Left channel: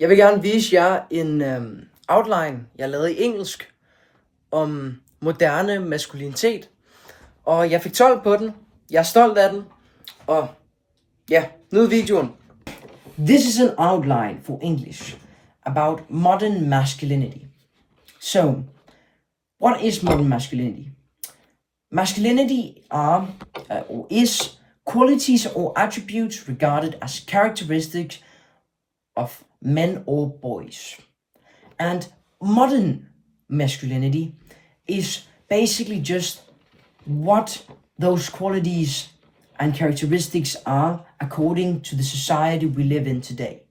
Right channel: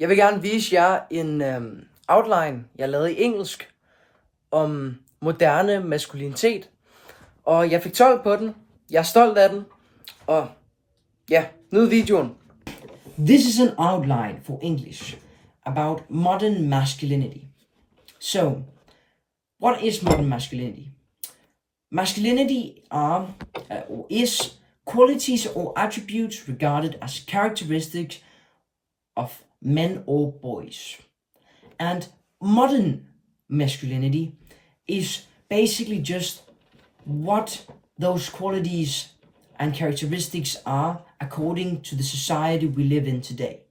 Jeg vil gerne vise jer en outline, jeg lavede i engelsk, om moderne maskulinitet. Og jeg fik 12 på den. Jeg er stolt af den. Og ja, nyd videoen. This is an outline for English about modern masculinity. So, what is modern masculinity? Masculinity are or is qualities or attributes regarded as characteristics of men or boys. And modern masculinity is basically just what those qualities and characteristics are according to the society we live in today.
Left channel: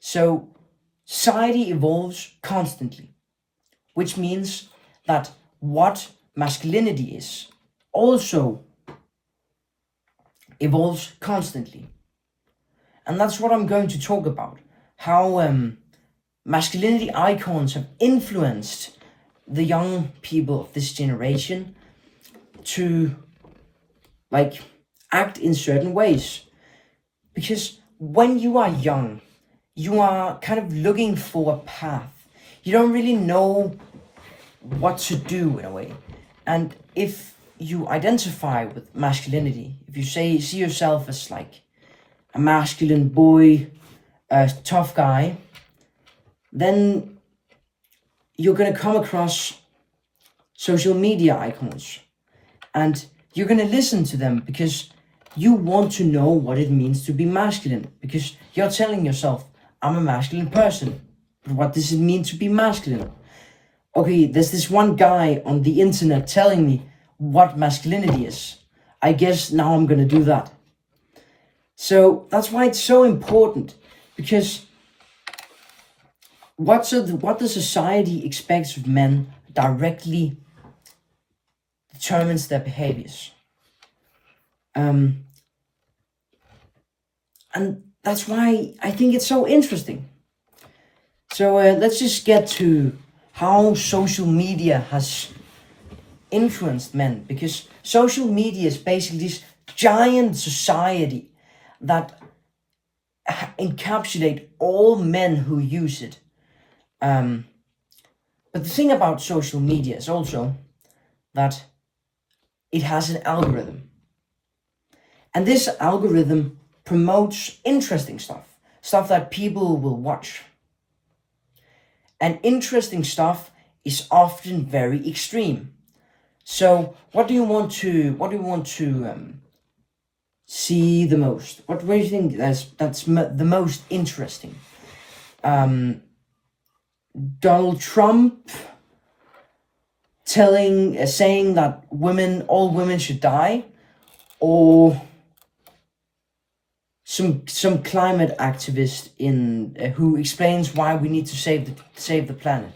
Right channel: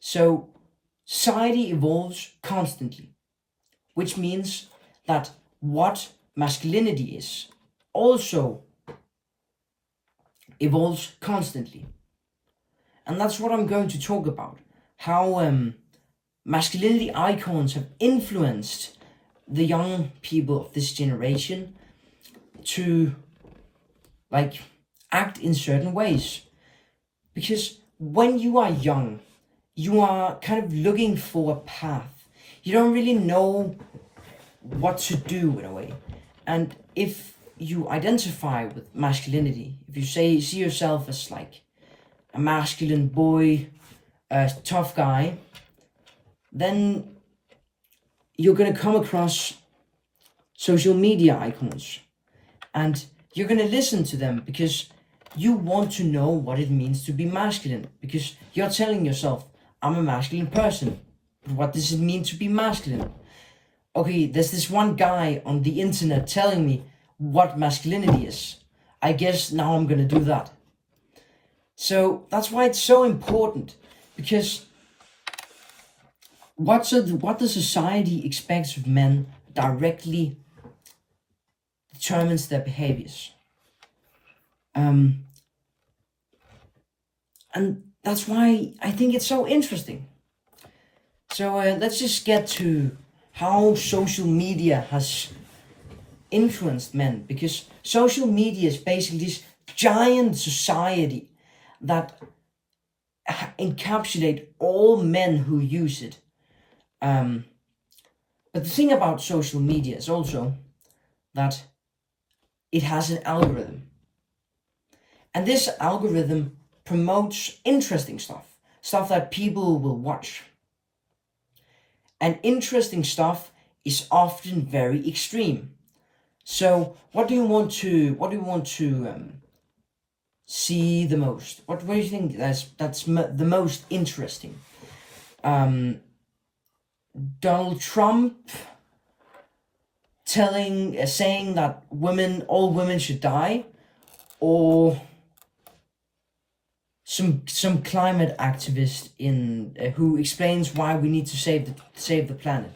So society evolves constantly, which means that what masculinity is also evolves constantly. And that's what I'm going to talk about. How masculinity icons have influenced the young people of this generation to act in certain ways. Because when you are young, you are kind of looking for a path. You don't really know what to do in a way. And if you identify with masculinity, if you see yourself as like a masculine boy, a tough guy, then you're going to come across social media icons and you're going to listen to them because you want to know what it means to be masculine, because you're telling yourself, I'm a masculine person. But what does it mean to be masculine? Okay, there's this one guy on the internet telling me what masculinity is. I guess now I'm going to do that. So that's why it's so important, because what the society expects of men directly determines their behaviors. And that's why I think it's so interesting. So let's just get to how social media has influenced men, because social media is basically this giant society that encapsulate all men who use it. But the thing about social media is also that it has an algorithm. And this algorithm promotes interesting stuff that people will watch. And interesting stuff is often very extreme. So what do you want to see the most? What do you think that's the most interesting? Donald Trump saying that all women should die, or some climate activist who explains why we need to save the planet.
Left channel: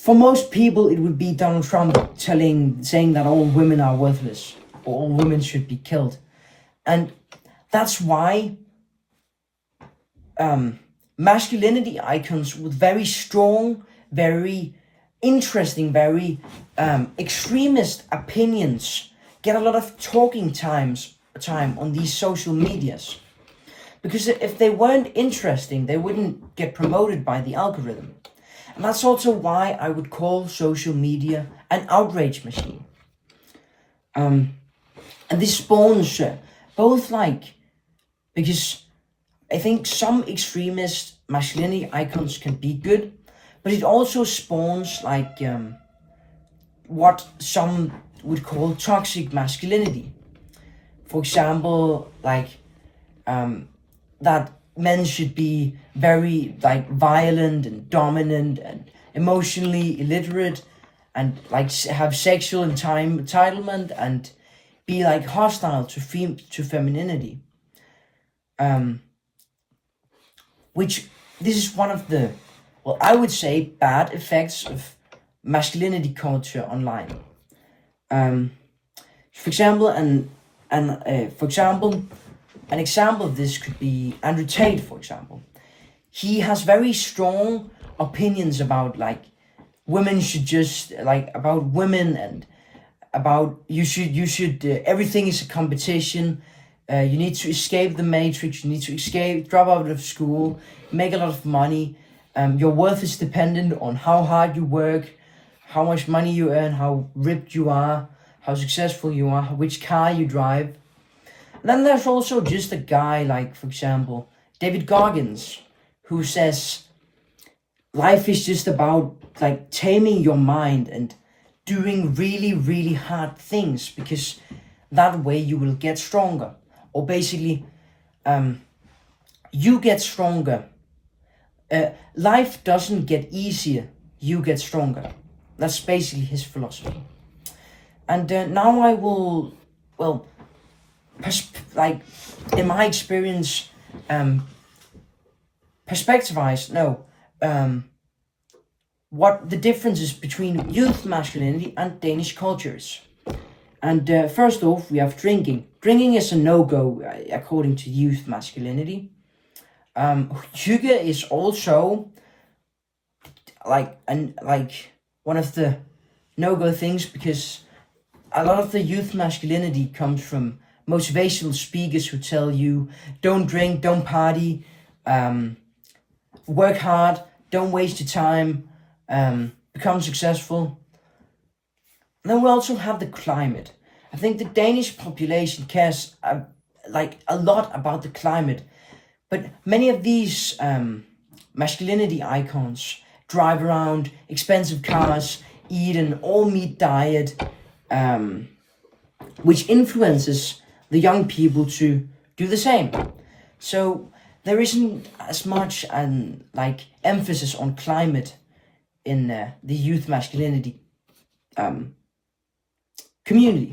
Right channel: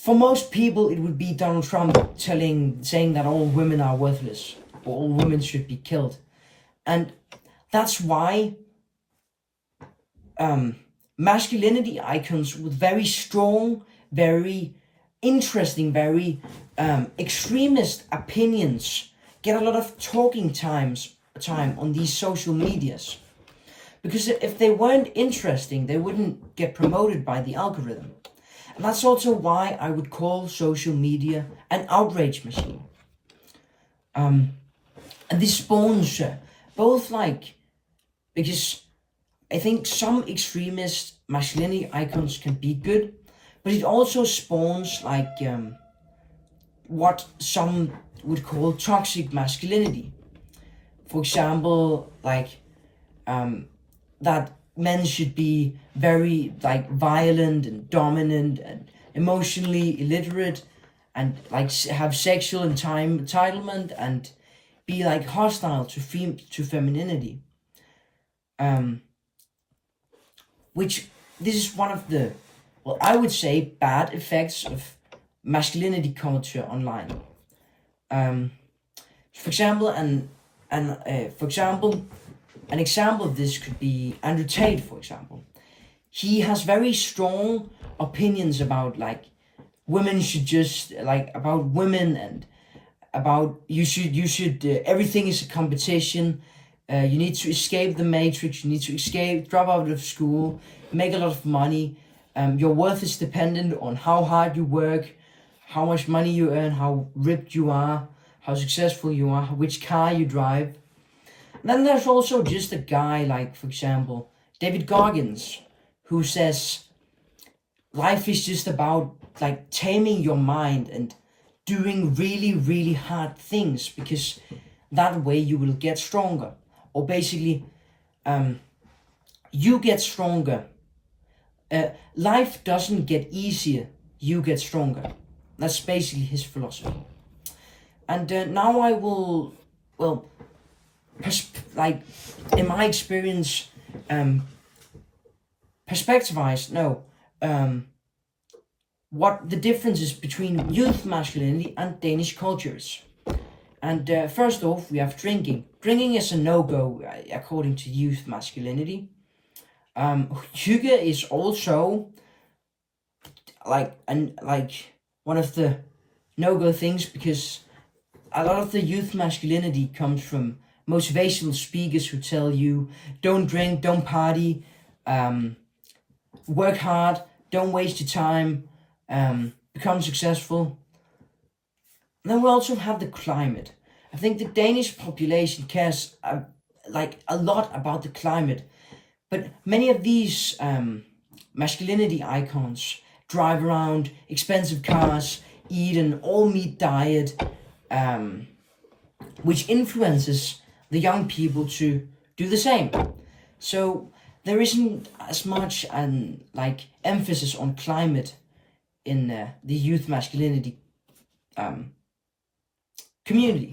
For most people, it would be Donald Trump saying that all women are worthless, or all women should be killed. And that's why masculinity icons with very strong, very interesting, very extremist opinions get a lot of talking time on these social medias. Because if they weren't interesting, they wouldn't get promoted by the algorithm. And that's also why I would call social media an outrage machine. And this spawns both because I think some extremist masculinity icons can be good, but it also spawns what some would call toxic masculinity. For example, that men should be very violent and dominant and emotionally illiterate and have sexual entitlement and be hostile to femininity. Which this is one of the, I would say, bad effects of masculinity culture online. For example, an example of this could be Andrew Tate, for example. He has very strong opinions about women should just about women and about you should everything is a competition. You need to escape the matrix. You need to escape, drop out of school, make a lot of money. Your worth is dependent on how hard you work, how much money you earn, how ripped you are, how successful you are, which car you drive. And then there's also just a guy like, for example, David Goggins, who says life is just about like taming your mind and doing really, really hard things, because that way you will get stronger. Or basically, you get stronger. Life doesn't get easier, you get stronger. That's basically his philosophy. And now I will, well, like in my experience, perspectivize, what the difference is between youth masculinity and Danish cultures. And first off, we have drinking. Drinking is a no-go according to youth masculinity. Hygge is also like one of the no-go things, because a lot of the youth masculinity comes from motivational speakers who tell you don't drink, don't party, work hard, don't waste your time, become successful. Then we also have the climate. I think the Danish population cares a lot about the climate, but many of these masculinity icons drive around expensive cars, eat an all-meat diet, which influences the young people to do the same. So there isn't as much emphasis on climate in the youth masculinity community.